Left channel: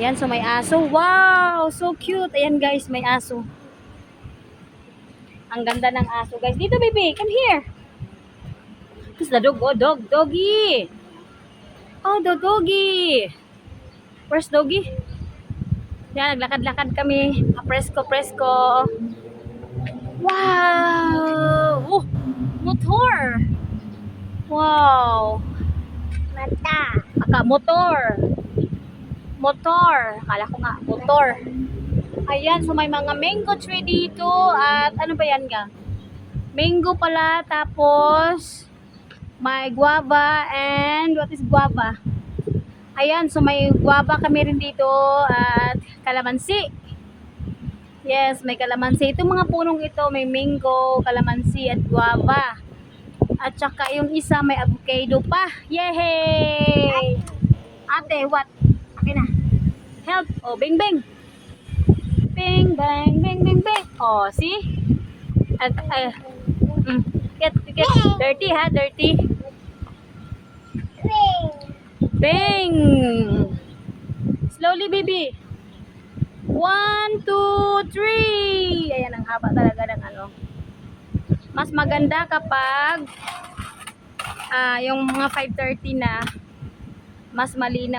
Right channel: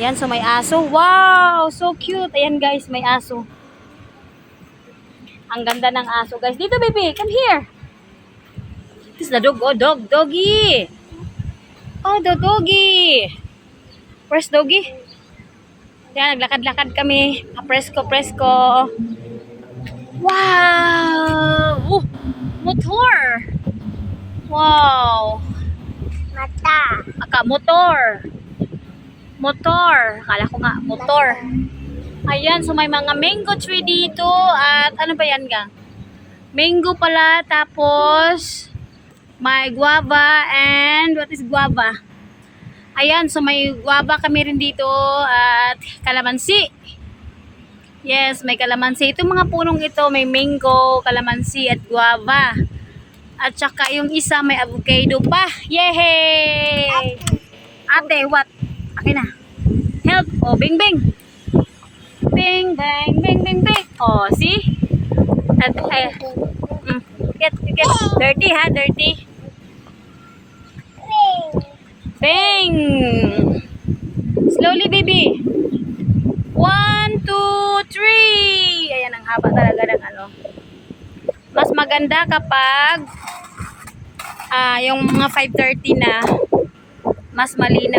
Ayan, so may aso. Wow! So cute. Ayan guys, may aso. Ang ganda ng aso guys. Dito baby, come here. This is the dog. Oh, doggy. Oh, the doggy. Where's doggy? Yan, naglakad-lakad kami. Presko. Wow! Oh, motor. Wow. Mata. Motor. Akala ko nga, motor. Ayan, so may mga mango tree dito. At ano ba yan gang? Mango pala. Tapos, may guava. And what is guava? Ayan, so may guava kami rin dito. At kalamansi. Yes, may kalamansi. Itong mga punong ito, may mango, kalamansi, at guava. At saka yung isa, may avocado pa. Yay! Ate, what? Akin na. Help. Oh, bing. Bing. Oh, see? At, get. Dirty ha, dirty. Bing. Slowly, baby. 1, 2, 3. Ayan, ang haba talaga ng ano. Mas maganda kapag yung mga 5:30 na, mas malinaw.